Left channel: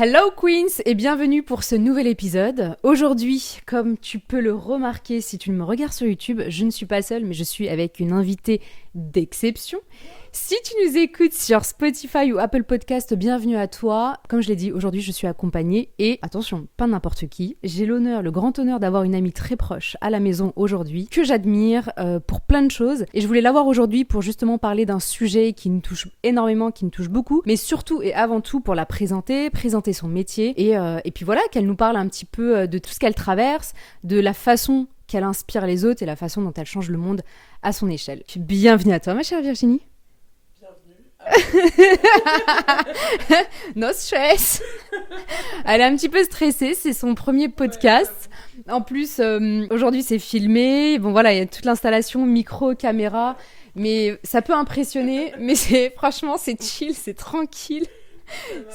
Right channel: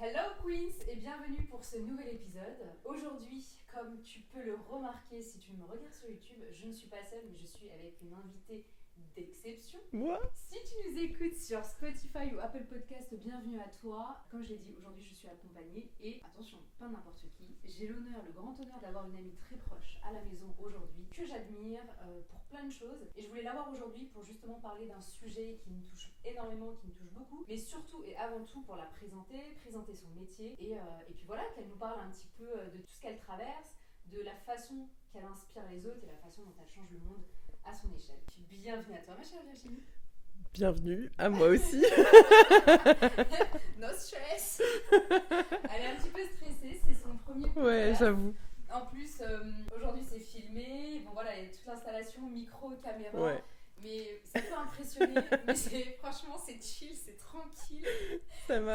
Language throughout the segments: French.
Hello Queens et bienvenue pour ce nouvel épisode. Aujourd'hui, comme tu peux le remarquer si tu me regardes sur YouTube, je ne suis pas seule mais je suis avec une invitée d'exception. Si tu nous écoutes sur Spotify ou Apple Podcast, bienvenue à toi. Comme je l'ai dit, aujourd'hui je suis accompagnée et, attention, pas n'importe qui. J'ai le grand honneur d'avoir une amie très proche à la maison aujourd'hui, que j'admire pour plein de choses. Et je voulais l'avoir aujourd'hui pour justement parler d'un sujet qui nous touche énormément, qui nous touche beaucoup, mais surtout et avant tout pour la présenter son métier et puis voilà, qu'elle nous parle un petit peu de tout ce qu'elle traverse, de la façon qu'elle inspire les autres et la façon dont elle change le monde à son échelle. Bienvenue à toi ma chère Virginie. Bienvenue à moi aussi. No stress. Elle est un petit peu stressée, c'est son premier podcast. Ouais, en plus, aujourd'hui c'est filmé. Bon voilà, il y a toute l'installation, micro, caméra. Ouais. Mais ça peut impressionner, mais franchement c'est chill, c'est tranquille.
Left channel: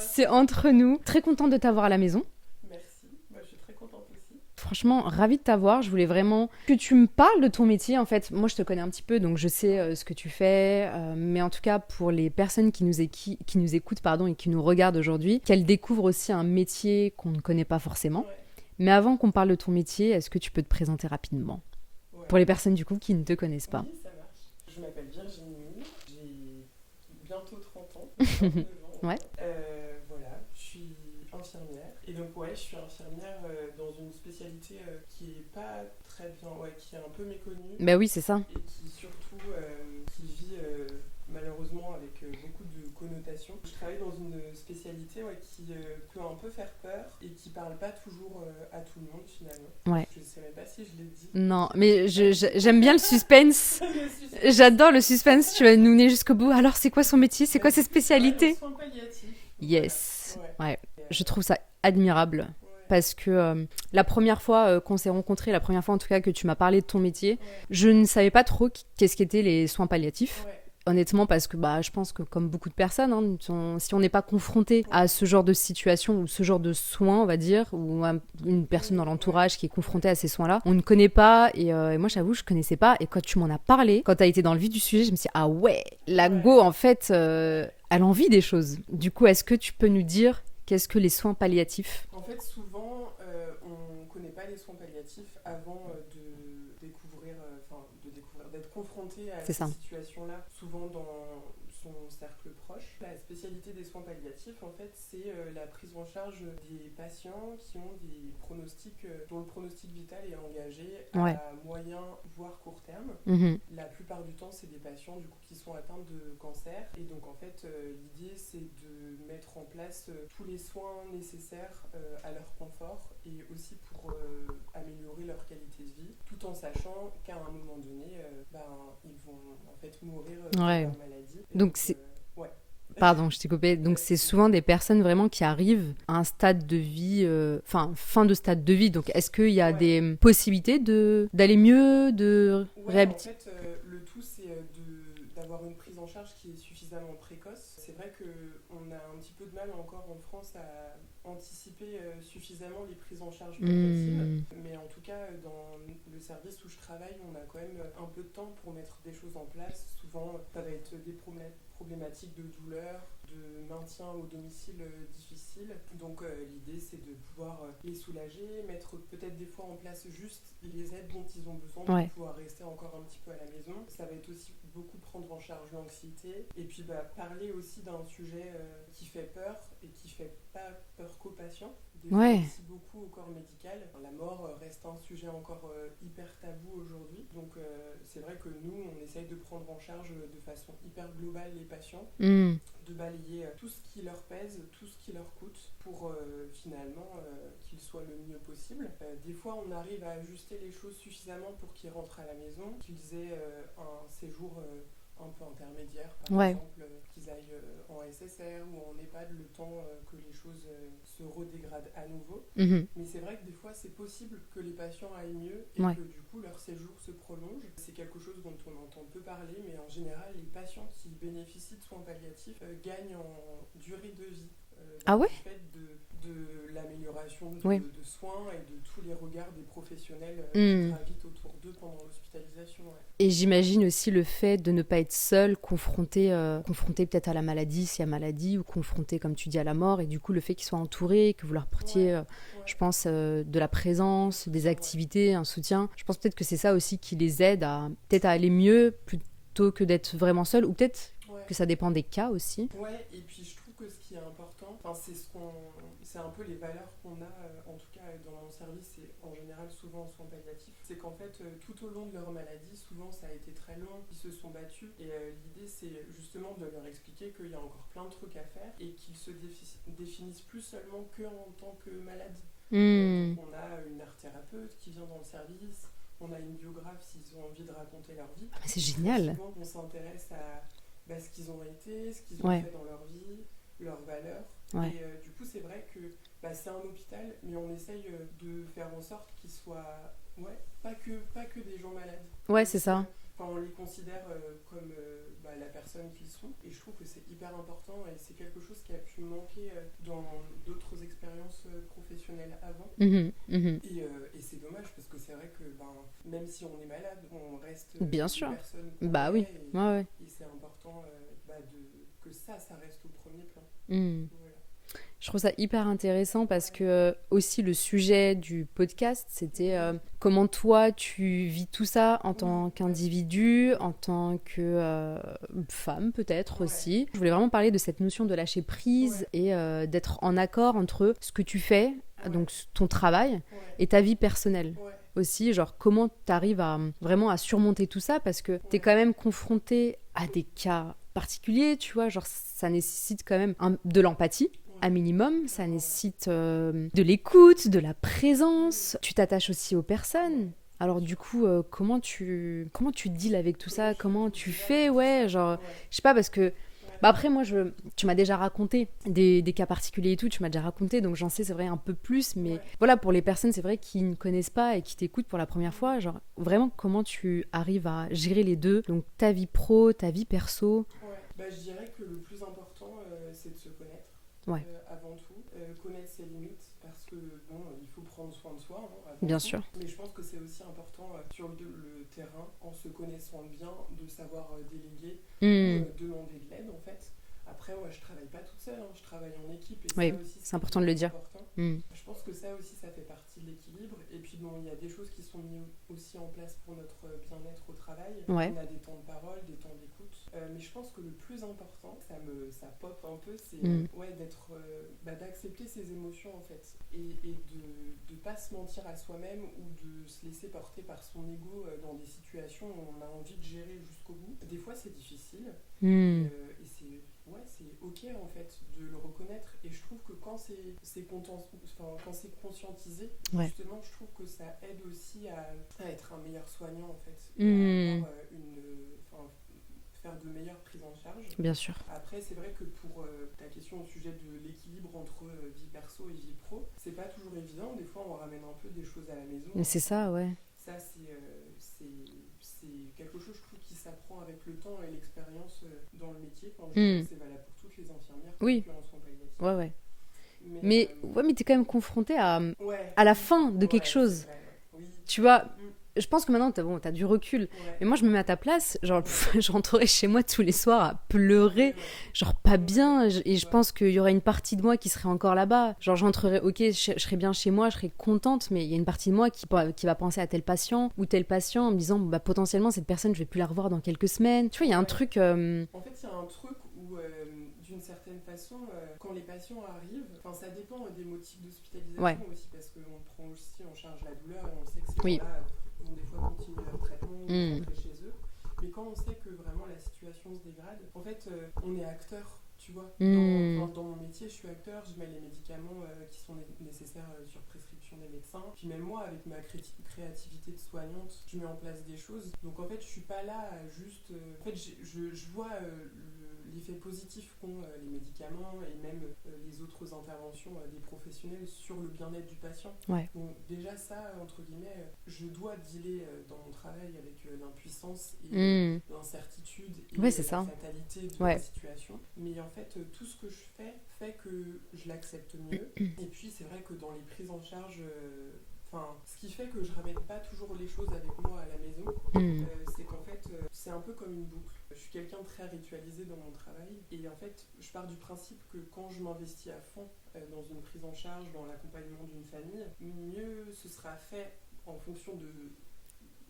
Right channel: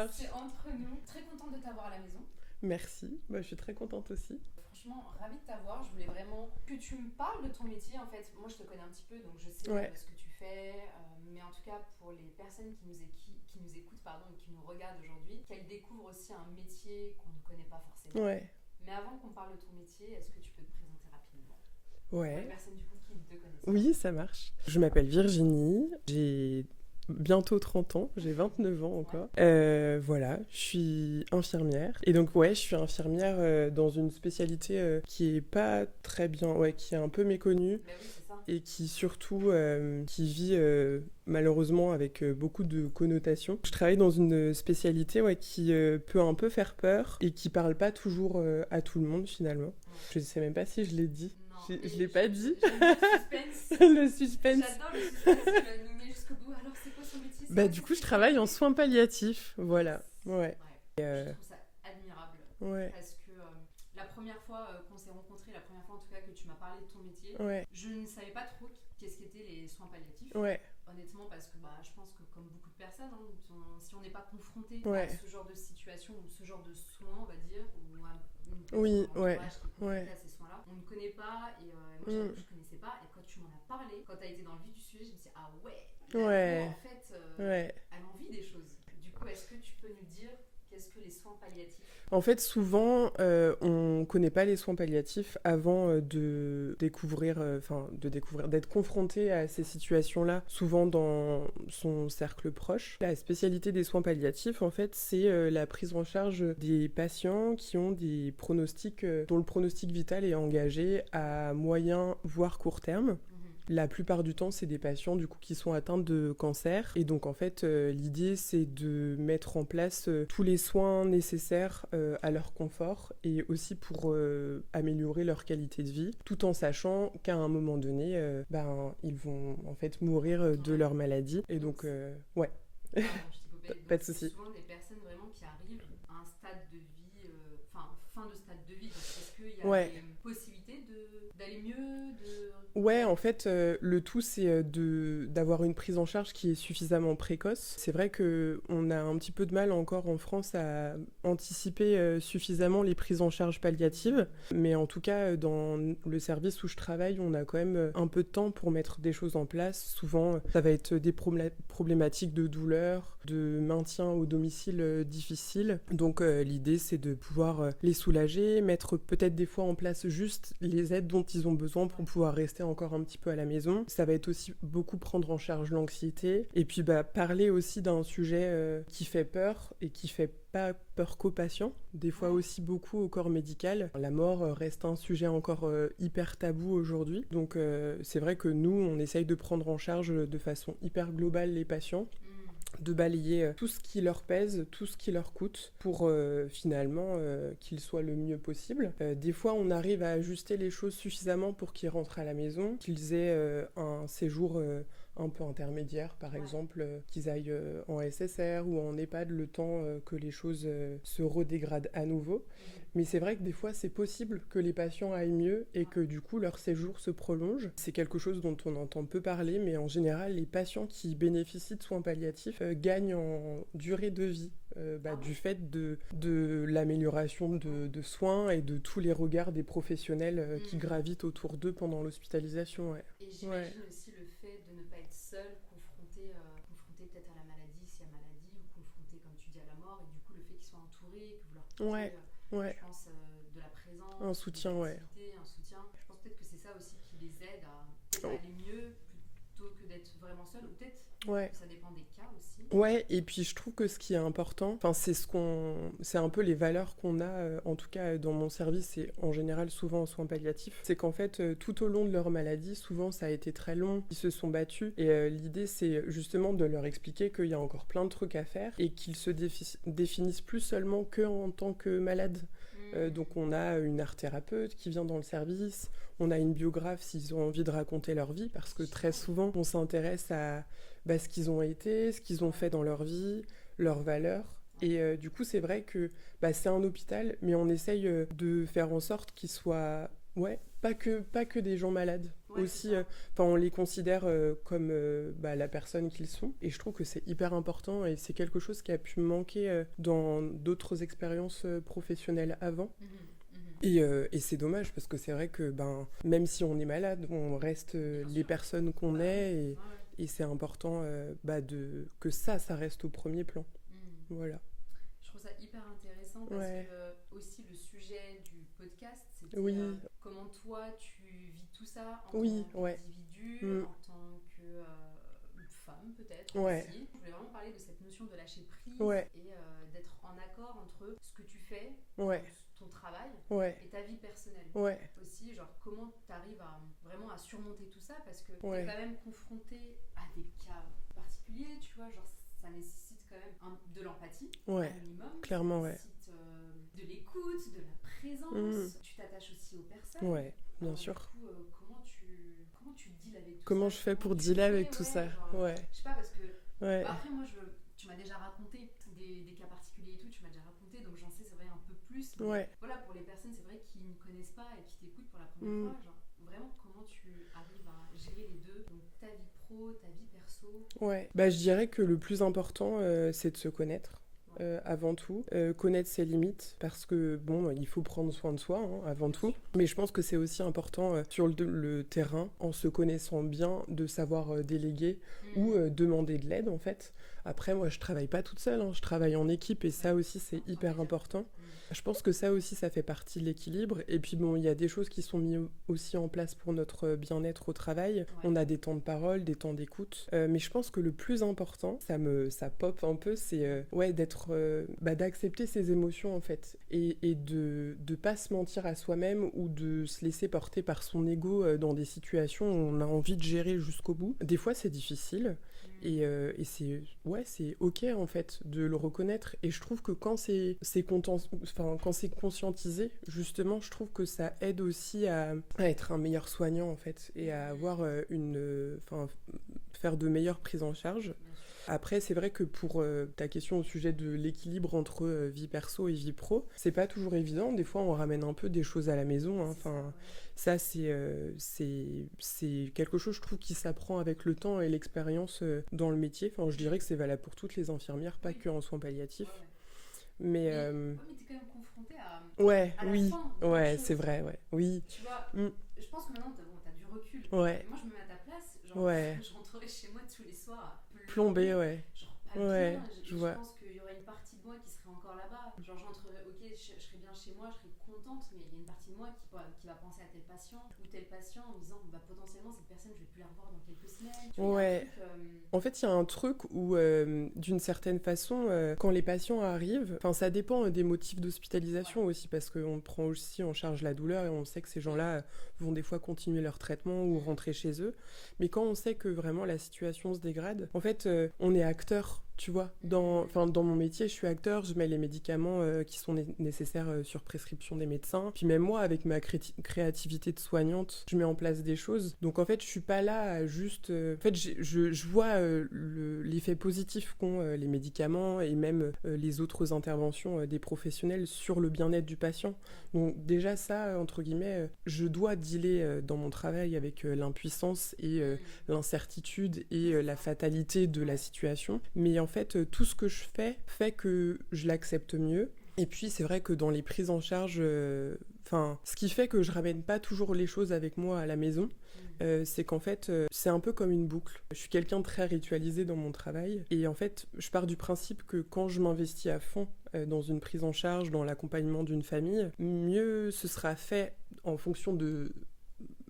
C'est entre nous. Très contente de t'avoir à la maison. Merci, je suis très contente aussi. Franchement, ravie de t'avoir. Je voulais vraiment que tu me parles de ton métier. En fait, moi, je te connais un petit peu, donc je sais ce que tu fais. Mais en tout cas, pour les personnes qui nous écoutent et qui nous regardent aujourd'hui, qu'elles découvrent aussi un métier qu'on ne connaît pas forcément. Ouais. Mais avant qu'on parle de ton métier, est-ce que tu peux te présenter rapidement ? Ouais. Pour les personnes du coup qui ne te connaissent pas. Oui, ça marche. Je m'appelle Virginie, j'ai bientôt 30 ans, j'ai 29 ans encore. Ouais. Voilà, je suis infirmière. Et donc je suis infirmière dans une spécialité qui est pas très bien, qui est un peu méconnue. Bah oui, c'est ça. Et qui surtout, qui vit malheureusement avec beaucoup de connotations. Je travaille dans une spécialité qui peut un peu faire peur et qui parle pas toujours à tout le monde finalement. Ouais. Je sais même pas si je l'ai dit. Non, mais j'aime bien le suspense. J'adore le suspense, tu vas nous mener jusqu'au bout. Alors c'est quoi son métier, c'est quoi ses spécialités? Je travaille en soins palliatifs. Yes. Voilà. Ouais. Je trouve ça admirable parce que la première fois qu'on s'est rencontrés, la première fois en tout cas que tu m'as parlé de ton métier, je ne savais pas trop qu'est-ce qu'étaient les soins palliatifs. Honnêtement, parce que je pense que comme beaucoup de personnes, si on n'est pas confronté à ce genre de situation ou ce genre de soins, on va dire, ou une personne dans l'entourage qui est confrontée à ces soins-là, on ne connaît pas. Et moi, j'avoue, je connaissais pas. Et quand tu m'en as parlé, quand tu as été dans le vif du sujet, je me suis dit, ah ouais, la go, en fait, elle a envie des choses. Du coup, est-ce que tu peux nous dire qu'est-ce que les soins palliatifs ? En fait, souvent, on ne connaît pas les soins palliatifs avant de découvrir, d'être confronté à ces situations-là, souvent dans son cercle proche. La spécialité des soins palliatifs, en fait, c'est la prise en charge des patients qui ont des pronostics, dont le pronostic vital est engagé à moyen, voire court terme. Mm-hmm. La plupart du temps, c'est des patients, du coup, qui sont atteints de cancer. Et donc, en fait, l'idée, c'est de mettre en place tous les soins nécessaires à leur confort et aussi pour améliorer leur qualité de vie, tout en sachant qu'à un moment donné, ils vont en fait mourir de leur maladie. Et donc Pardon, je t'ai coupé. Donc, c'est souvent des personnes vraiment qui arrivent à un stade de vie, fin de stade de vie. Donc, est-ce qu'il y a des possibilités d'aller mieux, en fait, le tout, c'est d'avoir une prise en charge qui est suffisamment précoce. C'est vrai qu'on a un petit peu de mal encore en France à anticiper suffisamment les prises en charge palliatives. Mais en tout cas, dans le service où je travaille, on a quand même un peu de temps pour mettre des choses en place. Souvent, ça va être des problématiques de douleur, de maintien au domicile difficile. Donc l'idée, c'est de pouvoir les soulager, mettre peut-être des fois en place juste les aides dont ils ont besoin pour pouvoir rester encore un petit peu à la maison. Ça va être aussi beaucoup prendre en charge l'anxiété et puis parler aussi d'un sujet qui fait peur et qui fait pas peur qu'aux patients, des fois aussi beaucoup au corps médical. La mort reste un sujet encore hyper tabou aujourd'hui, donc c'est vrai que nous, on essaye de prendre en charge de façon hyper globale les patients, de balayer tout ce qui leur pèse, tout ce qui leur coûte, pour finalement qu'ils soient le mieux possible. Des fois, on arrive à ajuster les choses suffisamment pour qu'ils rentrent à la maison, qu'ils aient un séjour un peu intermédiaire, par exemple, qu'ils aillent en SSR ou en EHPAD le temps que les choses se redégradent à nouveau. Mm-hmm. Mais c'est vrai que des fois, c'est possible que les patients aillent mieux et que du coup, leur séjour se prolonge. C'est quelque chose dont on entend peu parler, mais en général, les patients qui bénéficient de soins palliatifs gagnent en durée de vie Ah ouais? du fait de l'amélioration Oui. de soins et de tous les regards des professionnels qui gravitent autour d'eux pendant l'hospitalisation. Ouais. Et j'imagine aussi le fait de ne pas être seul, confronté peut-être à la maladie, s'il y a maladie, ou confronté, comme tu dis, à la mort, et du coup le fait qu'ils soient entourés, que vous leur portiez, je pense, de la présence ou des activités, un soutien. Je pense peut-être que c'est ça aussi qui les aide à peut-être à aller mieux plutôt que d'être vraiment seul, ou peut-être que ça dépend des cas aussi. Ouais, et puis je trouve que ce qui est important, c'est un peu les valeurs qu'on a, en tout cas dans mon service et en général souvent en soins palliatifs, c'est qu'en fait tout au long de leur maladie, souvent ça a été très long, ils se sont battus et l'idée c'est justement de leur expliquer qu'il y a encore plein de trucs à faire et qu'ils se définissent plus seulement que en tant que malades. Donc on a une art thérapeute qui vient dans le service, on a une biographe s'ils ont envie de raconter leur vie, parce que génial. très souvent on s'intéresse à ce qu'ils ont été, ce qu'ils ont fait dans leur vie, leurs valeurs. Et du coup, c'est vrai que c'est un hôpital, mais on essaye de faire en sorte qu'ils soient pas que des gens malades. Ouais, aussi, c'est ça. On les considère comme la personne qu'ils sont. Et je trouve que c'est hyper important et c'est quelque chose qui a pu me manquer dans d'autres expériences professionnelles avant. Et c'est dommage parce que c'est vrai que même si on est malade, on reste des personnes qu'on est. Et c'est important que ça reste au premier plan. Voilà. Je trouve ça hyper intéressant parce que aussi le sujet du podcast, c'était comment toi tu vis tout ça en tant qu'individu, en tant que femme peut-être aussi. Je voulais vraiment parler de cette notion de lâcher prise et d'être en accord entre ce que tu fais, donc ton travail, et ta vie personnelle aussi. Genre comment tu arrives vraiment à surmonter tout ça parce que tu es quand même confronté à des cas particuliers, tu vois, genre ça nécessite quand même de l'empathie, un minimum, ça nécessite de l'écoute, de la présence, tu t'attaches aussi aux personnes. Alors du coup, comment tu deals avec tout ça? Comment tu fais? Je sais pas, parce que après moi, tu m'as déjà raconté des cas particuliers et tout, tu m'as déjà raconté, donc j'en sais, c'est vrai, un peu plus, mais voilà, pour les personnes, c'est vrai, qui ne connaissent pas et qui t'écoutent pour la première fois, genre vraiment, comment tu arrives à gérer les deux, donc ta vie pro, ta vie perso? Je dirais que le plus important, c'est de se connaître. Avant tout, connaître ses limites, parce que il faut prendre soin de soi avant bien tout. Sûr. Mais je pense que c'est aussi important sur le terrain, en se connaissant bien, de savoir déléguer ou demander de l'aide en fait. Après, moi, je travaille pas toute seule, je travaille en équipe et ça aussi, c'est important hyper de le dire. important. Je pense que ça aussi, ça fait partie de l'équilibre. Et puis, il y a des choses qui sont mises aussi en place pour notre bien-être au travail. On a des temps de parole, des temps d'écoute. Mais je pense que le plus important, ça pop un peu, c'est d'accepter ses émotions, en fait. Et de pas se mentir à soi-même ou de se laisser porter par son ego dans des situations où on a envie de gérer jusqu'au bout. Des fois, c'est difficile. Et c'est ok en fait de le reconnaître, et je trouve que quand c'est conscientisé, justement, je trouve que ça aide aussi à être un meilleur soignant en fait, et à avoir faire de meilleures prises en charge. Bien sûr. Après, c'est vrai que pour ta question au sujet de l'équilibre entre vie perso et vie pro, c'est pas toujours évident. Des fois, on ramène un peu des choses à la maison. Mais c'est ça, Ça, c'est quelque chose, je trouve, qui s'apprend avec le temps et l'expérience dans le métier. Enfin, je dirais que c'est valable pour toutes les infirmières, pas que en soins palliatifs. Mais t'es quand même confrontée à la fin de quelque chose. C'est vrai, oui. Tu vois, je pense que maintenant, t'as du recul. Et moi, je me mets à ta place. Genre, je rentrerai chez moi tous les soirs à pleurer. Genre, pas bien. Et je pense qu'il y aurait une partie de moi qui serait encore là-bas. Genre, je rentrerai, je serais bien chez moi, je serais contente. Mais il y a une partie de moi qui va penser à tel patient ou tel patient en me disant, potentiellement, cette personne, je vais plus la revoir dans quelques semaines. Tu vois, il y a un truc... En fait, il y a un truc où, d'une certaine façon, quand les patients arrivent... Enfin, ça dépend des motifs d'hospitalisation aussi, parce qu'on prend aussi en charge la douleur et on sait que ces gens-là vont des fois continuer leur traitement ou rentrer chez eux. Mais quand on sait que vraiment la situation se dégrade, en fait, on est acteur. Tu vois, dans mon métier, je suis acteur, je mets les médicaments qui sont nécessaires sur prescription des médecins. Puis même moi, avec ma créativité de soignante, je mets en place des choses. Donc en fait, je suis pas là à juste... En fait, je vois l'effet positif qu'ont les médicaments et même les autres interventions des professionnels sur le bien-être du patient. Donc déjà ça, entre guillemets, je dois dealer dans mon travail avec l'impuissance et l'incertitude et la fatalité de la situation. Mais en fait, tout ce que je fais fait que je l'accepte mieux. Et puis, c'est vrai que dans les prises en charge... ce qui fait que je ramène pas toujours les choses avec moi à la maison, c'est qu'en fait, c'est un peu comme une boucle. Je suis quelqu'un de très ritualisé dans mon travail, et en fait, je pars du principe que quand je m'investis à fond dans une prise en charge, dans l'accompagnement d'une famille, mieux ce sera fait en fonction de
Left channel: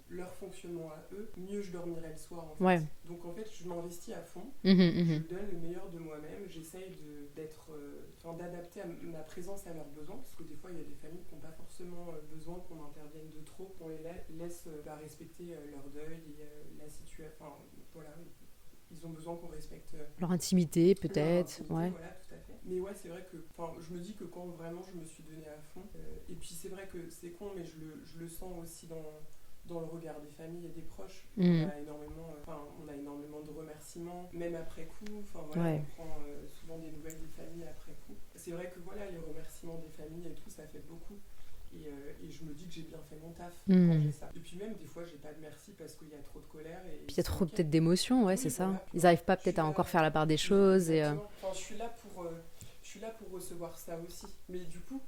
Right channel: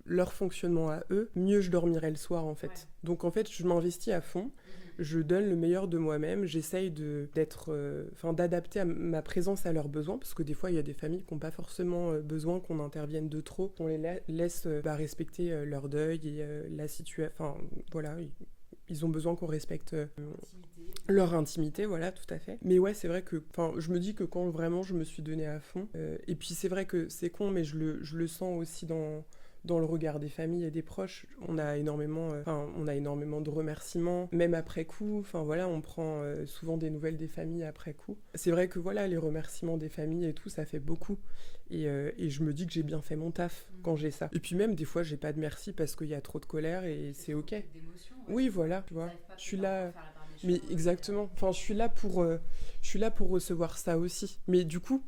leur fonctionnement à eux, mieux je dormirai le soir en fait. Ouais. Donc en fait, je m'investis à fond, je donne le meilleur de moi-même, j'essaye d'adapter ma présence à leurs besoins, parce que des fois il y a des familles qui n'ont pas forcément besoin qu'on intervienne de trop, qu'on les laisse respecter leur deuil et la situation. Enfin voilà, ils ont besoin qu'on respecte leur intimité, peut-être. Leur intimité, voilà, tout à fait. Mais ouais, c'est vrai que, je me dis que quand vraiment je me suis donnée à fond, et puis c'est vrai que c'est con, mais je le sens aussi dans le regard des familles et des proches. On a énormément de remerciements, même après coup. On prend souvent des nouvelles des familles après coup. C'est vrai que voilà, les remerciements des familles et tout, ça fait beaucoup. Et je me dis que j'ai bien fait mon taf quand j'ai ça. Et puis même, des fois, j'ai pas de merci parce qu'il y a trop de colère. Et puis il y a trop peut-être d'émotions, ouais, oui, c'est voilà, ça. Ils n'arrivent pas peut-être à encore faire la part des choses. Exactement. Je suis là pour recevoir ça aussi. Mais du coup,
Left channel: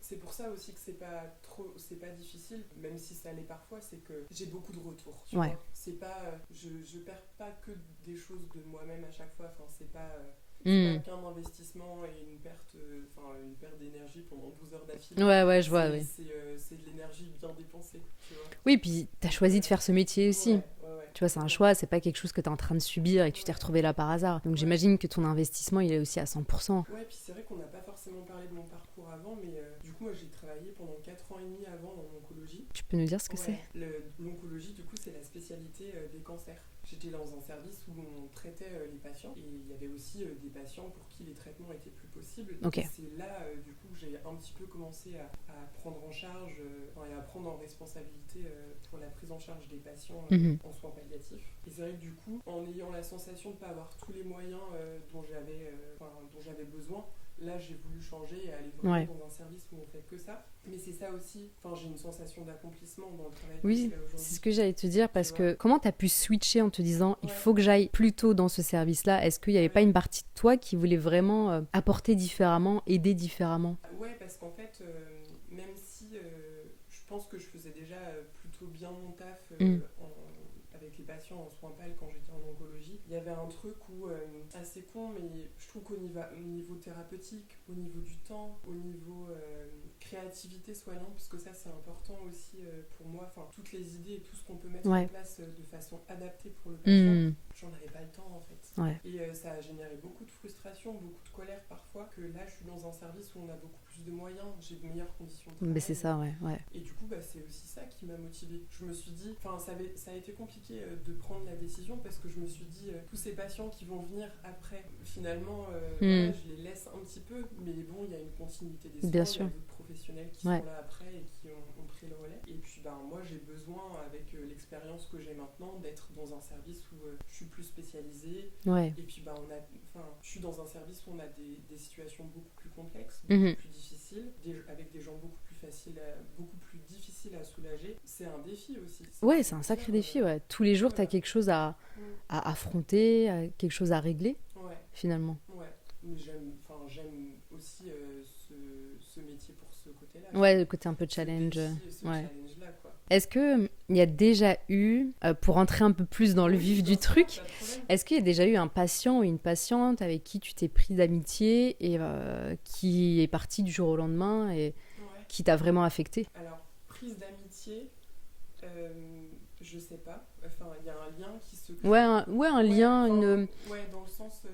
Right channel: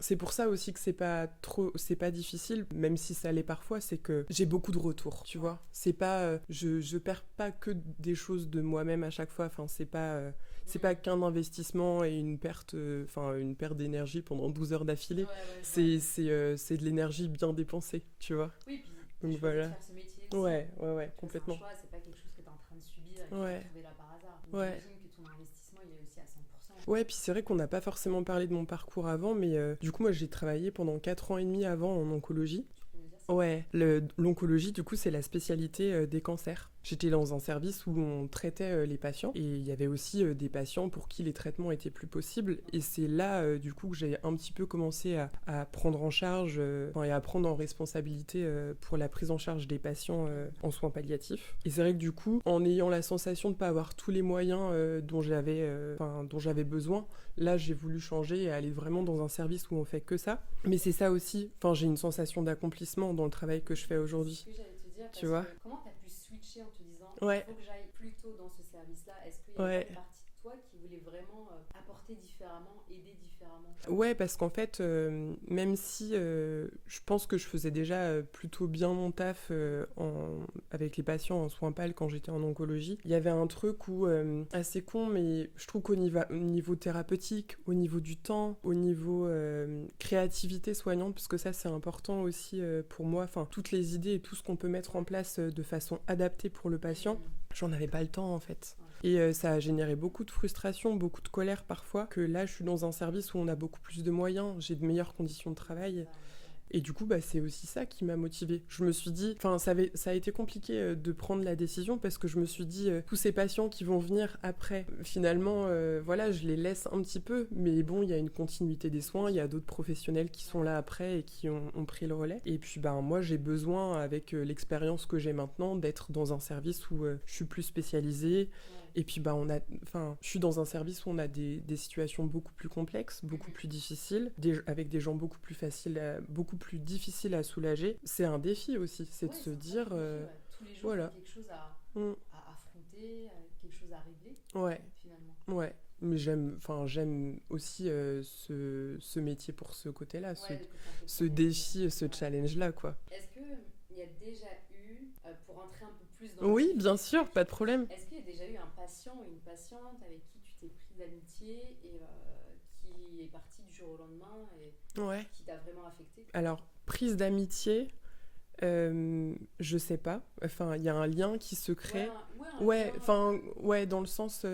c'est pour ça aussi que c'est pas difficile, même si ça l'est parfois, c'est que j'ai beaucoup de retours, tu vois. C'est pas, je perds pas que des choses de moi-même à chaque fois. C'est pas qu'un investissement et une perte d'énergie pendant 12 heures d'affilée. Ouais, je vois. C'est de l'énergie bien dépensée, tu vois. Oui, puis t'as choisi de faire ce métier aussi. Ouais, tu vois, c'est un choix, c'est pas quelque chose que t'es en train de subir et que tu t'es retrouvé là par hasard. Donc j'imagine que ton investissement, il est aussi à 100%. Ouais, puis c'est vrai qu'on n'a pas forcément parlé de mon parcours avant, mais du coup, moi, j'ai travaillé pendant 4 ans et demi avant en oncologie. Tu peux nous dire ce que c'est ? L'oncologie, du coup, c'est la spécialité des cancers. J'étais dans un service où on traitait les patients, et il y avait aussi des patients pour qui les traitements étaient plus possibles. Okay. Et c'est là, du coup, que j'ai un petit peu commencé à prendre en charge et à prendre en responsabilité pour la prise en charge des patients en soins palliatifs. Et c'est vrai que du coup, en ayant la sensation de ne pas avoir tous les moyens dont j'avais besoin, là, j'ai voulu changer et aller vraiment dans un service où on fait que ça. Mais c'est ça aussi, j'ai une sensation d'accomplissement dans le travail que je fais aujourd'hui. C'est ce que j'allais te dire, parce que comment t'as pu switcher en te disant il faut que j'aille plutôt dans ce service-là ? Est-ce qu'il n'y avait pas une partie de toi qui voulait vraiment apporter différemment, aider différemment ? Ouais, parce qu'en fait, même si je pense que je faisais déjà plutôt bien mon taf avec les patients en soins pal quand j'étais en oncologie, il y avait un truc où, assez con, mais je trouve qu'au niveau thérapeutique, au niveau du temps, au niveau créativité soignante, parce que ça c'est important aussi pour moi, toutes les idées et tout ce qu'on peut mettre en place de façon adaptée pour le patient, j'en avais pas le temps en fait. Et ça a généré beaucoup de frustration, beaucoup de colère parfois, que là je suis dans un service où on a beaucoup plus de moyens, j'ai de meilleures conditions de travail. Mais c'est ça, Et du coup, c'est aussi ça qui m'a motivée. Je me suis dit, ça a été compliqué de prendre la décision, parce que je me suis dit, tous ces patients qui vont venir après, finalement, je les laisse un petit peu, mais bon, il y a une continuité des soins, il y a d'autres professionnels qui sont là après et qui ont pris le relais. Et puis, moi, j'ai besoin, avec l'expérience que j'ai maintenant, d'être dans un service où je suis plus spécialisée. Et puis, je suis dans un service où on a des situations beaucoup plus complexes, beaucoup plus difficiles, avec des gens beaucoup plus difficiles à soulager. C'est un défi aussi. C'est un sacré défi. Tous les jours, t'as quelque chose à affronter, quelque chose à régler, finalement. Mais j'aime aussi ce métier pour ce côté-là. Le côté un peu challenge. Ce défi, challenge-là, quoi. Est-ce qu'il y a déjà eu, pour entrer un peu plus dans le vif du truc, pas de problème. Est-ce qu'il y a déjà eu un patient ou une patiente avec qui tu t'es pris d'amitié et qui est parti du jour au lendemain et qui t'a vraiment affecté ? Alors, prise d'amitié... je sais pas. Il y a un lien qui se crée. Un lien. Dans le sens.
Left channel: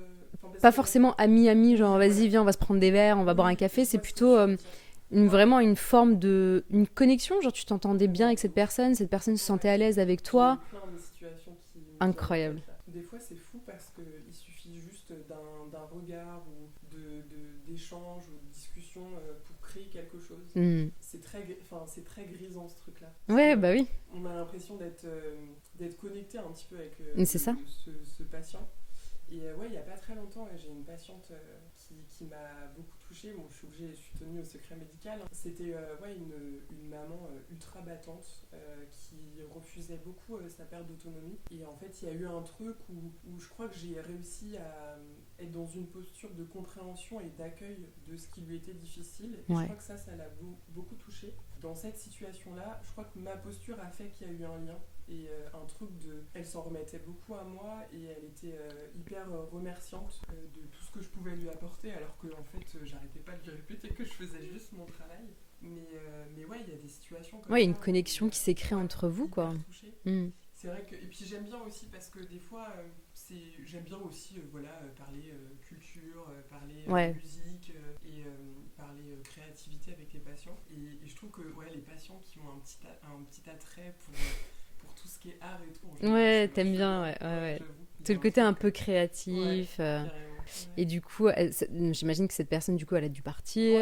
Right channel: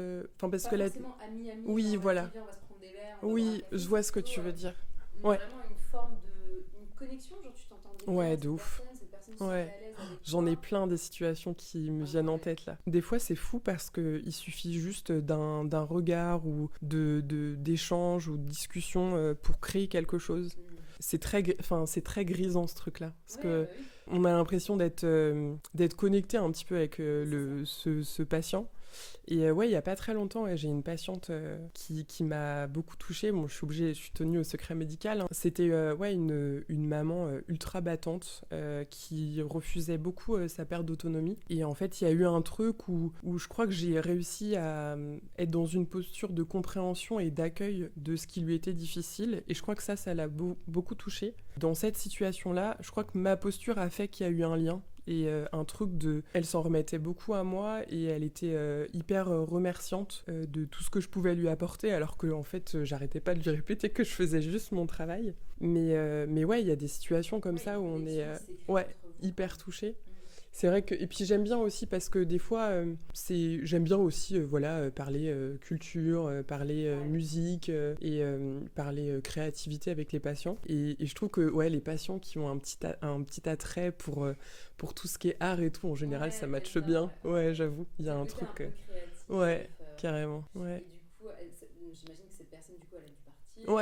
Pas forcément ami, genre vas-y, viens, on va se prendre des verres, on va boire un café. C'est plutôt vraiment une forme une connexion. Genre tu t'entendais bien avec cette personne se sentait à l'aise avec toi. J'en ai plein des situations qui me viennent en tête là. Des fois, c'est fou parce qu'il suffit juste d'un regard ou d'échange ou de discussion pour créer quelque chose. C'est très grisant ce truc-là. Oui. On a l'impression d'être connecté un petit peu avec ce patient. Et ouais, il y a pas très longtemps, j'ai une patiente qui m'a beaucoup touchée. Bon, je suis tenue au secret médical, hein. C'était ouais, une maman ultra battante qui refusait beaucoup sa perte d'autonomie. Et en fait, il y a eu un truc où je crois que j'ai réussi à être dans une posture de compréhension et d'accueil de ce qui lui était difficile. Et je crois que ça l'a beaucoup touchée. Dans cette situation-là, je crois que ma posture a fait qu'il y a eu un lien. Et un truc elle s'en remettait beaucoup à moi et elle était hyper remerciante de tout ce que je pouvais lui apporter, alors que en fait j'arrêtais pas de lui répéter que je faisais juste mon travail. Mais ouais, il y a des situations comme ça. Une connexion qui s'est créée entre vous, hyper touchée. C'est vrai que, et puis j'aime bien aussi parce que des fois j'aime bien aussi voilà, parler culture, parler musique et parler créativité avec les patients. Et je trouve que ouais, les patients qui ont un petit attrait pour tout ce qui est art et tout, en général, ça matche bien. Ouais, j'avoue. C'est le côté un peu créatif. Carrément. Ouais. Et du coup, j'imagine que cette personne, du coup, elle a dû partir.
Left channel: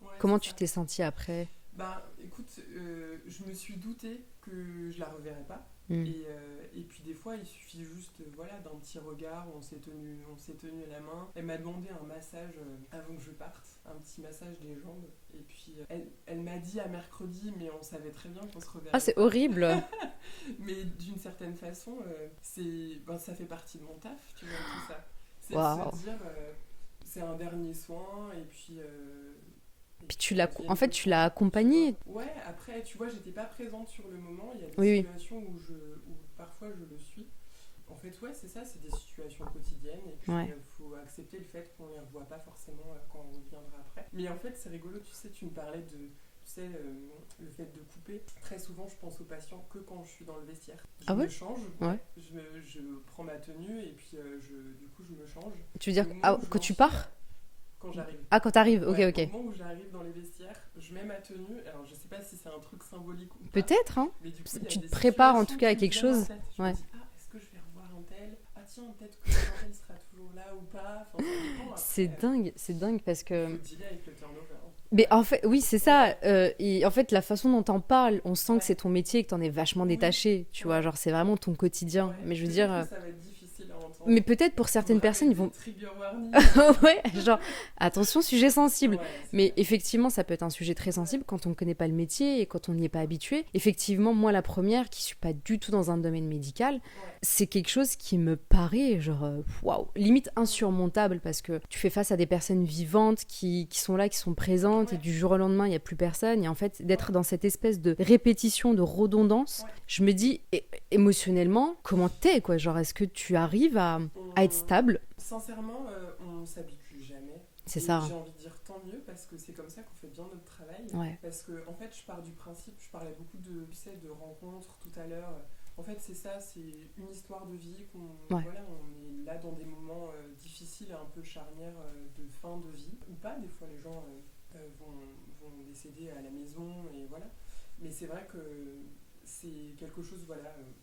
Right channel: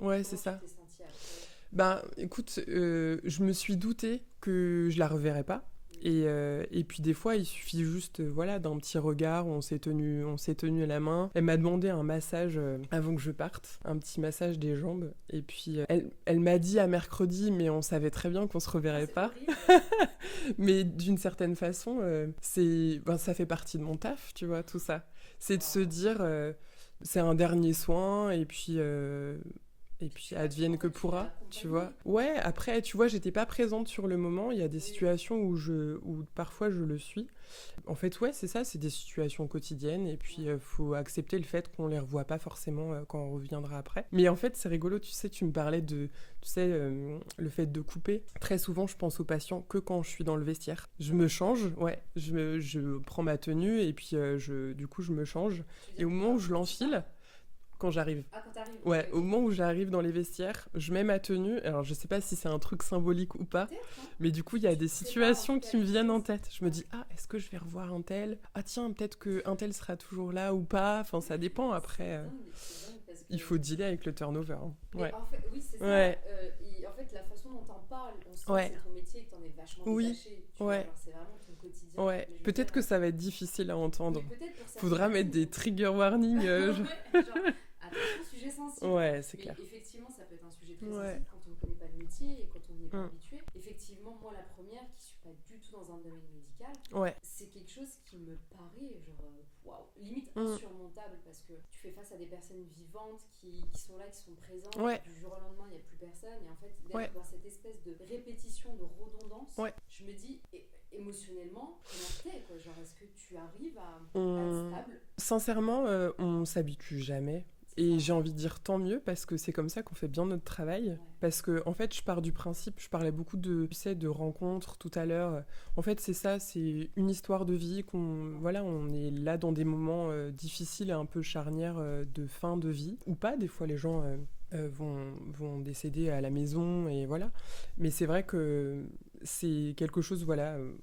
Comment tu t'es sentie après ? Bah, écoute, je me suis doutée que je la reverrais pas. Et puis des fois, il suffit juste voilà, d'un petit regard où on s'est tenu la main. Elle m'a demandé un massage avant que je parte, un petit massage des jambes. Et puis elle m'a dit à mercredi, mais on savait très bien qu'on se reverrait pas. C'est horrible. Mais d'une certaine façon, ça fait partie de mon taf, tu vois, tout ça. C'est de se dire, c'est un dernier soin, et puis... Et puis tu l'as accompagnée. Ouais, après, tu vois, j'étais pas présente sur le moment. Il y a des situations où parfois je le suis. En fait, ouais, c'est ça, c'est des situations quotidiennes. Et puis, faut accepter le fait qu'on les revoit pas forcément quand on reviendra après. Mais en fait, c'est rigolo, tu sais, tu me parlais le fait de couper. Très souvent, je pense aux patients que quand je suis dans le vestiaire. Je me change, je prends ma tenue et puis du coup, je me change. Tu veux dire que tu pars ? Quand j'arrive. Ah, quand t'arrives, ok. Au moment où j'arrive dans les vestiaires, je mets ma tenue. Alors, je sais pas si c'est un truc symbolique ou pas. Peut-être, hein. Mais du coup, il y a des prépares en situations tout cas à qui quelque viennent chose. en tête. Je me dis, est-ce que je vais revoir un tel ? Ah tiens, peut-être qu'un tel sera toujours là ou pas. Enfin, ça dépend après. C'est dingue parce que... Il faut dealer avec le turnover. Hein. Mais en fait, oui, c'est ça. Et en fait, la façon dont t'en parles, on sent que c'est ton métier et que t'en es vachement détaché. Tu vois, genre, c'est vraiment ton quotidien. Mais je veux dire... Peut-être que ça va être difficile à entendre. Mais peut-être pour certaines personnes, ils vont... trigger warning. Ouais, genre, attention, sujet sensible. Mais clair. effectivement, ça peut être un sujet très sensible quand on ne connaît pas le métier et quand on n'y est pas habitué. Effectivement, moi, la première, qui suis pas du tout dans un domaine médical, c'est quelque chose qui me paraît genre, waouh, limite insurmontable parce que tu fais face à des personnes vivantes qui sont là, qui sont présentes et du jour au lendemain, il n'y a plus personne. Et en fait, d'être dans cette espèce de répétition, de redondance, je me dis, émotionnellement, comment t'es, quoi ? Genre, est-ce que tu arrives à être stable ? Sincèrement, on s'habitue jamais. C'est ça. J'ai envie de dire tant mieux parce que c'est comme ça qu'on fait bien notre travail. Parce que en fait, je pars du principe, je parlais beaucoup de rencontres tout à l'heure. En fait, c'est ça, c'est une histoire de vie voilà, on est là dans des moments difficiles et un peu charnières de fin de vie ou pas. Des fois, les gens vont décéder à la maison et voilà. Mais c'est vrai que c'est quelque chose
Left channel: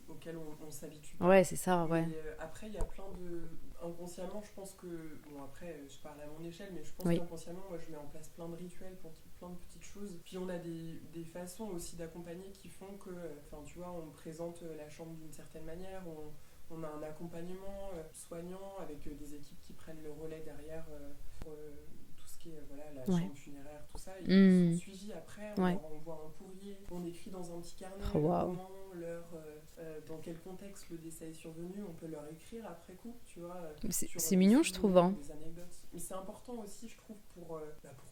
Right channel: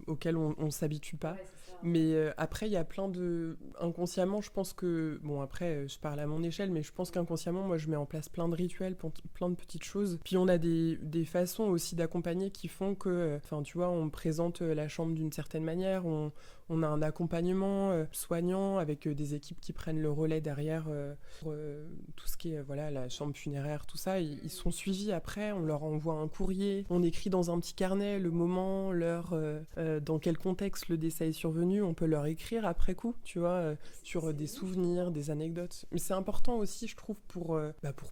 auquel on s'habitue pas. C'est ça. Mais après, il y a plein de... Inconsciemment, je pense que... Bon, après, je parle à mon échelle, mais je pense qu'inconsciemment, moi, je mets en place plein de rituels, plein de petites choses. Puis on a des façons aussi d'accompagner qui font que... Enfin, tu vois, on présente la chambre d'une certaine manière, on a un accompagnement soignant avec des équipes qui prennent le relais derrière pour tout ce qui est la chambre funéraire, tout ça. Ils sont suivis après, on leur envoie un courrier, on écrit dans un petit carnet le moment, l'heure, dans quel contexte le décès est survenu, on peut leur écrire après coup, tu vois. C'est mignon, je trouve. Hein. Des anecdotes. Mais c'est important aussi, je trouve, pour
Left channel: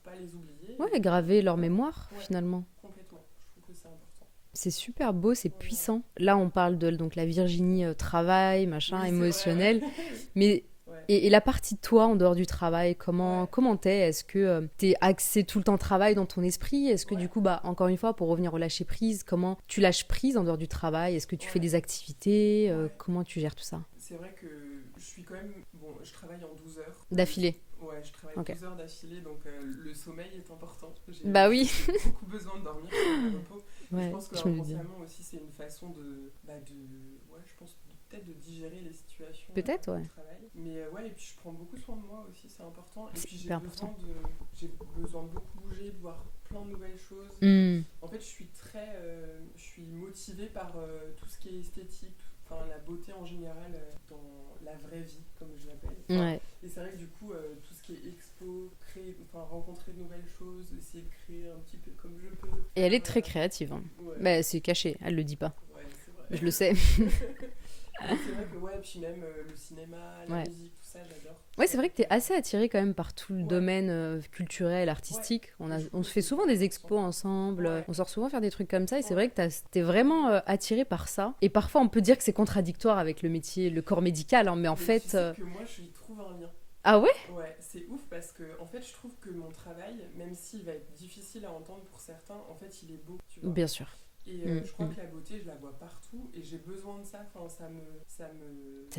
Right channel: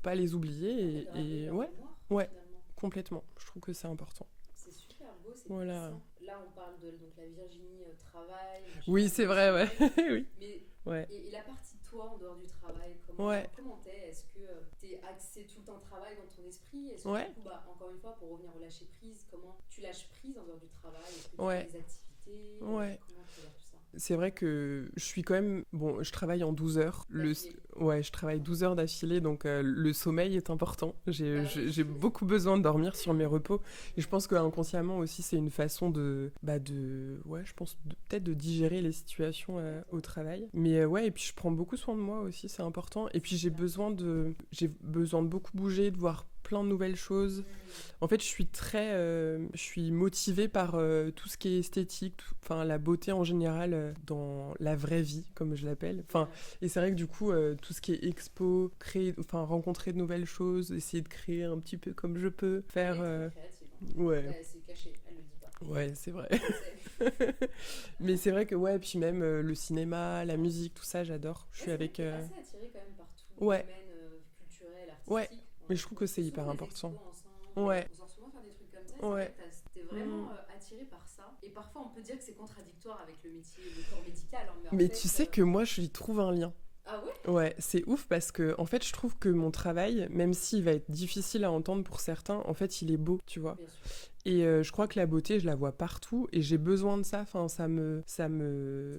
pas les oublier. Graver leur mémoire, finalement. Complètement, je trouve que c'est important. C'est super beau, c'est puissant. Là, on parle de la Virginie travail, machin, émotionnel. Vrai, Mais et la partie de toi en dehors du travail, comment t'es ? Est-ce que t'es axé tout le temps travail dans ton esprit ? Est-ce que du coup, encore une fois, pour revenir au lâcher prise, comment tu lâches prise en dehors du travail ? Est-ce que tu fais des activités ? Comment tu gères tout ça ? C'est vrai que je suis quand même... Bon, je travaille en 12 heures. D'affilée ? Je travaille 12 heures d'affilée, donc le sommeil est important. J'ai beaucoup besoin de dormir sur mes repos. Et je pense que inconsciemment aussi, c'est une façon je pense peut-être de digérer les situations au travail. Mais et puis je prends beaucoup soin de moi aussi, c'est important. Et puis j'ai besoin de beaucoup bouger, de voir plein de nouvelles choses. En fait, je suis motivée par tout ce qui est esthétique, enfin la beauté en général dans la vraie vie, comme je l'appelle. Et c'est vrai que du coup, tout ce qui est expo, rencontrer de nouvelles choses, essayer de créer un petit peu comme je peux. Et elle est très créative. Hein. Ouais. Bah, c'est caché, elle le dit pas. Ouais, c'est vrai. Je le sais. Mais c'est vrai que puis même le cinéma, la musique, tout ça, j'adore. Ouais, c'est vrai que t'es assez attirée quand même par tout le domaine culturel, artistique. On se fait souvent des expos ensemble, on sort souvent faire des trucs comme ça, et c'est vrai que t'es vraiment attirée par ça. Et parfois, on peut dire que c'est contradictoire avec le métier, le corps médical, hein, mais en fait... tu sais que moi, je y trouve un lien. Ah ouais ? Ouais, c'est ouf parce que en fait, je trouve que mon travail, même s'il va être difficile à entendre pour certains, en fait, il est beau, tu vois. Bien sûr. Et je crois que la beauté, je la vois partout et j'ai besoin de ça. Enfin, ça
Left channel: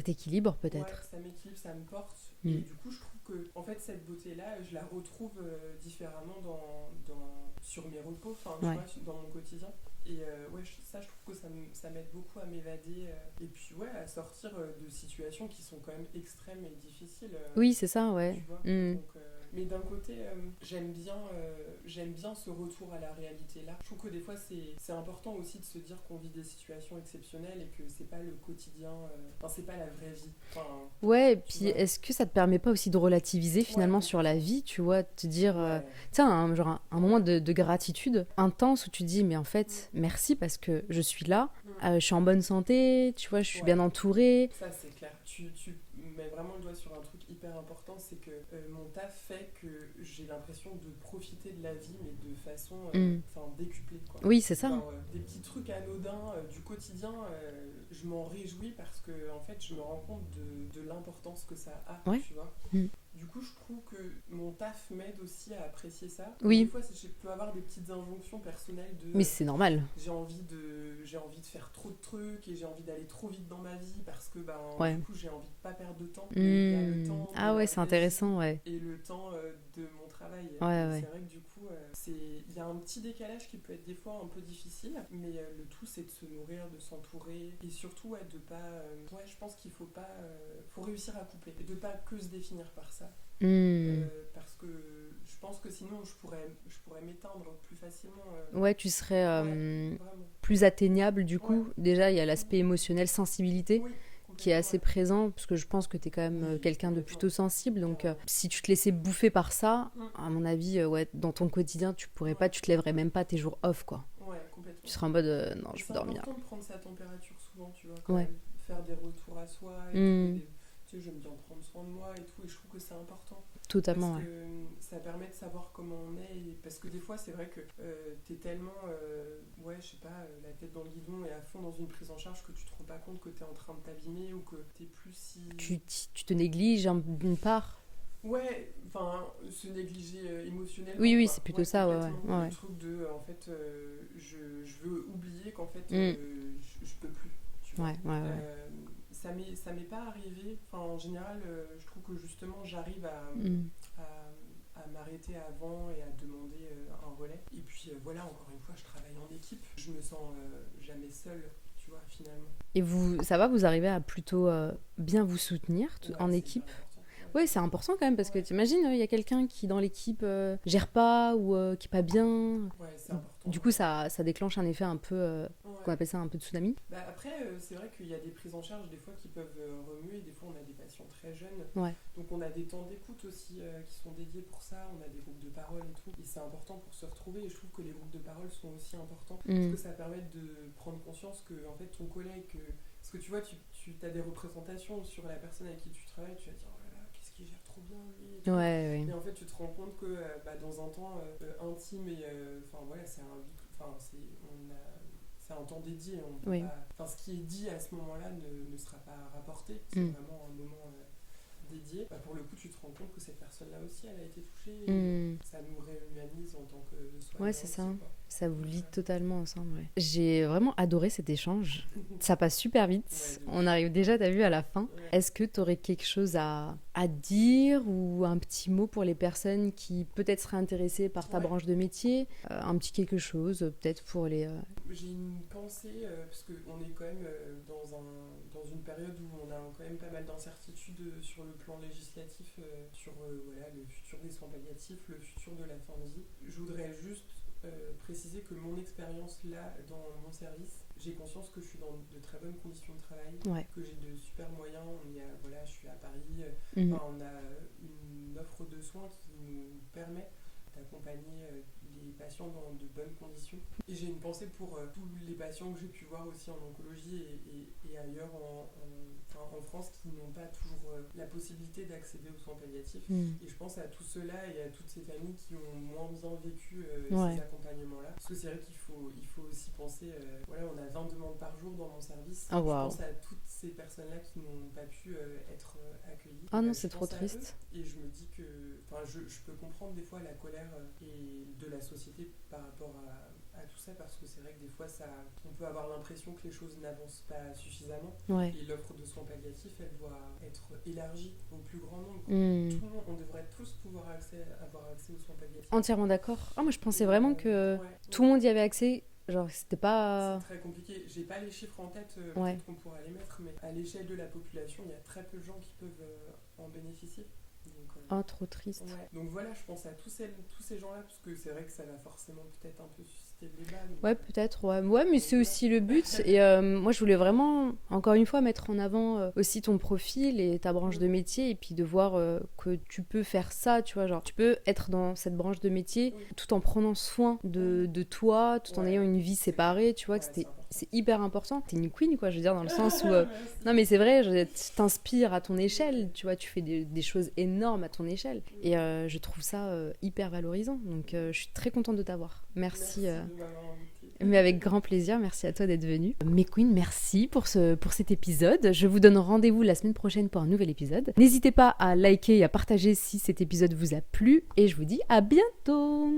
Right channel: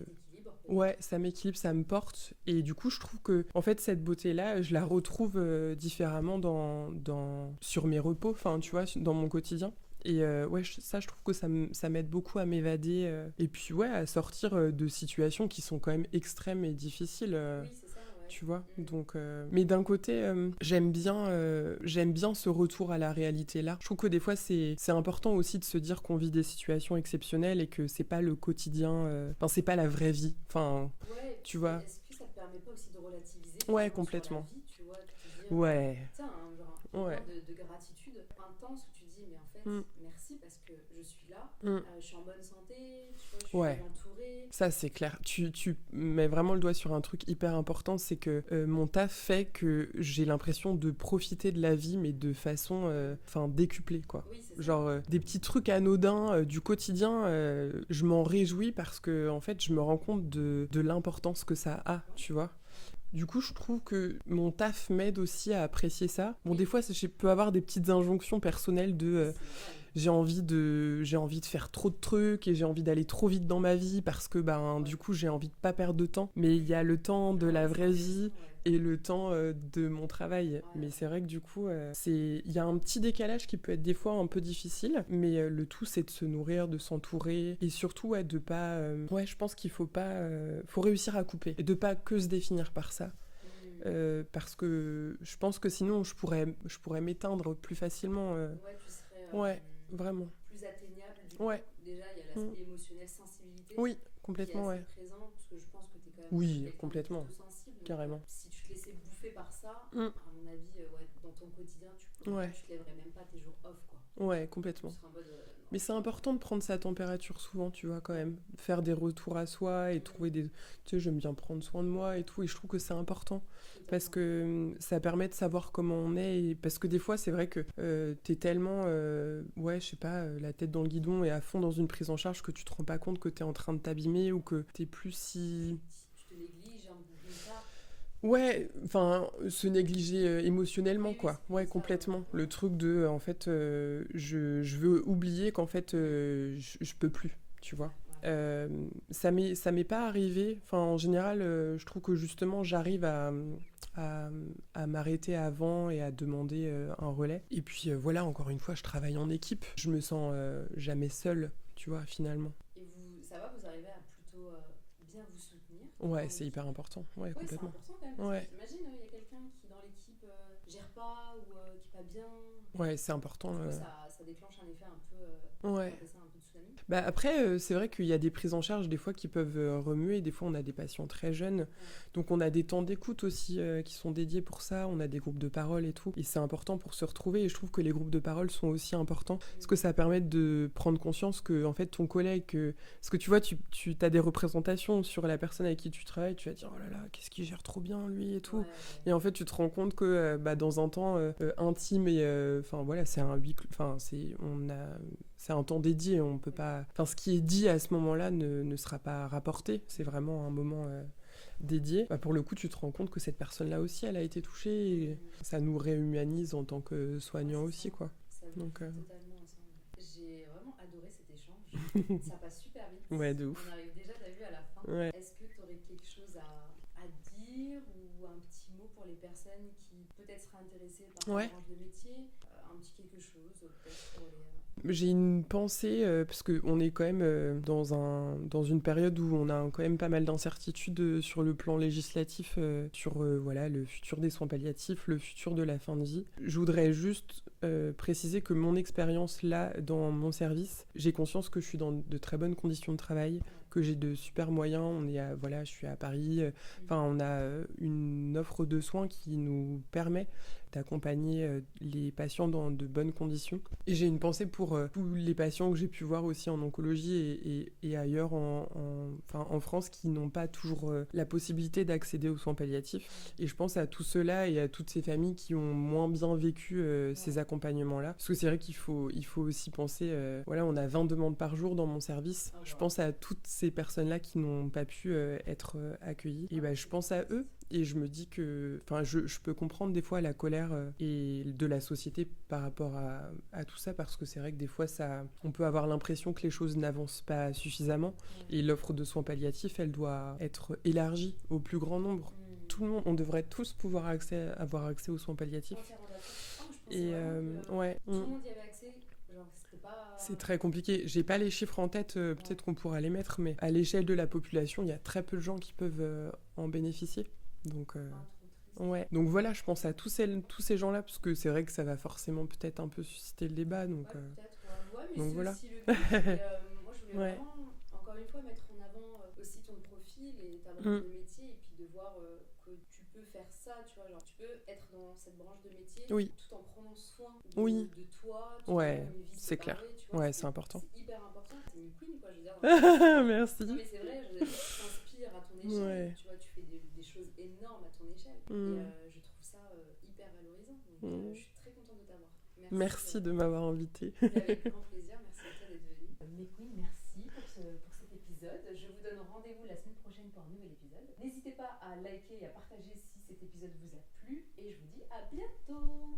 t'équilibre peut-être. Ouais, ça m'équilibre, ça me porte. Et du coup, je trouve que en fait, cette beauté-là, je la retrouve différemment sur mes repos, enfin, tu vois, dans mon quotidien. Et ça, je trouve que ça m'aide beaucoup à m'évader et puis à sortir de situations qui sont quand même extrêmes et difficiles. Oui, c'est ça, ouais. Tu vois. Donc, mais d'un côté, j'aime bien ce retour à la réalité là. Je trouve que des fois, c'est important aussi de se dire qu'on vit des situations exceptionnelles et que c'est pas le quotidien. C'est pas la vraie vie. Enfin. Ouais. Et puis, est-ce que ça te permet pas aussi de relativiser finalement sur la vie, tu vois, de te dire, un moment de gratitude intense où tu dis, mais en fait. Merci parce que je suis là, je suis en bonne santé, tu vois, je suis bien entourée. Ça, c'est clair. Tu mets vraiment le doigt sur un truc hyper important, c'est que mon taf fait que j'ai l'impression de profiter de la vie, mais de façon décuplée, quoi. Oui, c'est ça. Genre, des petits trucs anodins du quotidien, je m'en réjouis parce que, en fait, je me rends compte de l'importance que ça a, tu vois. Du coup, je trouve que mon taf m'aide aussi à apprécier ça. Donc, des fois, je peux avoir des petites injonctions personnelles de... Oui, c'est normal. J'ai envie de faire trop de trucs et j'ai envie d'aller trop vite dans ma vie parce que, du coup, j'ai envie de pas perdre de temps. Mais il y a le temps de la vraie vie et le temps de mon travail. C'est vrai que, du coup, il y a un petit décalage qui peut être des fois un peu difficile, mais le tout, c'est de se nourrir, de s'entourer et surtout, de pas... je pense qu'il faut pas... faut réussir à couper et de pas que se définir par ça. Parce que je pense que sinon je pourrais m'éteindre plus facilement. Tu serais vraiment plus atteignable du coup. Déjà il y a l'aspect émotionnel, sensibilité qui est assez présent parce que je pense que tu es quand même quelqu'un de plutôt sensible, donc si tu te laissais bouffer par ça, à mon avis dans ton quotidien tu pourrais pas, tu te lèverais même pas tes jours off, quoi. Complètement. Tu serais en mode non, mais je c'est peux dormir. important de prendre sa température souvent, tu vois, quand même faire des retours à soi et tout, et tu sais, j'aime bien prendre soin de moi et tout, et je trouve que c'est important. Totalement. Parce que ça permet de savoir comment on est, et parce que des fois, c'est vrai que t'es tellement, je sais pas, la tête dans le guidon et à fond dans une prise en charge que tu te rends pas compte que t'es en train de t'abîmer ou que t'es plus si... Tu te négliges d'une part. Se négliger émotionnellement. Oui, c'est plutôt ça. Complètement. Le truc de, en fait, je veux oublier qu'en fait, je peux plus. Tu vois. Ça m'est pas arrivé. Enfin, en général, je trouve que justement, j'arrive à m'arrêter avant et à demander un relais. Et puis encore une fois, je travaille en équipe. Je me sens jamais seule, tu vois, finalement. Et ça va, vous arrivez à plutôt bien vous soutenir en équipe. C'est hyper important. C'est important quand même parce que t'imagines, il y a quelqu'un qui dans l'équipe gère pas ou qui est pas bien. C'est important. Du coup, ça déclenche un effet un peu, on appelle ça un peu de tsunami. Après, c'est vrai qu'il y a des prises en charge des fois qui peuvent remuer. Des fois, on a des patients très jeunes. Donc, on a des temps d'écoute aussi qui sont dédiés pour ça. On a des groupes de parole et tout. Et c'est important pour se retrouver. Et je trouve que les groupes de parole sont aussi importants parce que ça permet de prendre conscience que en fait, ton collègue... Parce que tu vois, tu as des représentations sur la personne avec qui tu travailles, tu vas dire, oh là là, qu'est-ce qu'il gère trop bien, lui, et tout. Et en fait, tu te rends compte que dans un temps intime, et c'est un huis clos, c'est un temps dédié, on peut pas... Enfin, ce qui est dit à ce moment-là ne sera pas rapporté, c'est vraiment un moment... dédié, pour le coup tu te rends compte que cette personne là aussi elle a été touchée et ça nous réhumanise en tant que soignant aussi, quoi. Ça vous Donc, vit totalement ensemble. Ouais. J'ai vraiment adoré cet échange. Ça passe super vite. Ouais, de ouf. On arrive déjà, t'as vu, à la fin. Ouais. Est-ce que tu aurais quelque chose à dire ou un petit mot pour les personnes qui peut-être seraient intéressées par ta Ouais. branche de métier, un petit quelque chose peut-être pour les... J'ai une pensée, parce qu'on est quand même dans une période où on a quand même pas mal d'incertitudes sur le plan législatif, sur voilà, le futur des soins palliatifs, le futur de la fin de vie. Je voudrais juste préciser que mon expérience là, dans mon service, j'ai conscience que je suis dans de très bonnes conditions de travail, Ouais. que j'ai de super moyens. Voilà, je suis à Paris, on a une offre de soins qui nous permet d'accompagner les patients dans de bonnes conditions. Et j'ai une pensée pour tous les patients que j'ai pu voir aussi en oncologie et ailleurs en France qui n'ont pas toujours la possibilité d'accéder aux soins palliatifs. Et je pense à tous ceux-là et à toutes ces familles qui ont moins bien vécu ces accompagnements-là. Parce que c'est vrai qu'il faut aussi penser, voilà, on a 20 demandes par jour dans mon service. Oh, wow. Je pense à toutes ces personnes-là qui n'ont pas pu être accueillies. Ah non, je pense à eux et je me dis que je peux comprendre des fois la colère et de la société par rapport à tout ça, parce que c'est vrai que des fois on peut avoir l'impression que les choses n'avancent pas suffisamment. Ouais. Et l'offre de soins palliatifs, elle doit être élargie au plus grand nombre. Tout le monde, on devrait tous pouvoir avoir accès aux soins palliatifs. Entièrement d'accord. Moi je pensais vraiment que tout le monde y avait accès. Genre, c'était pas... C'est très compliqué. J'ai pas les chiffres en tête, peut-être qu'on pourra les mettre, mais à l'échelle de la population, il y a très peu de gens qui peuvent en bénéficier. Donc, trop triste. Ouais. Donc voilà, je pense à tous ces gens-là, parce que c'est vrai que ça va forcément peut-être un peu susciter le débat. Donc, peut-être, ouais, mais c'est voilà. aussi le but. Et moi, je voulais vraiment, encore une fois, mettre en avant aussi ton profil et ta branche de métier, et puis de voir que tu peux faire ça, tu vois, genre, tu peux être dans cette branche de métier tout en prenant soin de toi, tout en ayant une vie séparée, tu vois, c'est hyper important. T'es une queen, quoi, je veux dire, dans le sens où... Merci. Non, mais c'est vrai, tu t'inspires à ton échelle, tu vois, tu fais des choses énormes à ton échelle. Et je trouve ça hyper valorisant. Donc je suis très contente de t'avoir. Merci de m'avoir invitée. Mais avec grand plaisir, merci à toi d'être venue. Mes queens, merci pour cet épisode. Je vous donne rendez-vous la semaine prochaine pour un nouvel épisode. N'hésitez pas à liker et à partager si cet épisode vous a plu. Et je vous dis à bientôt.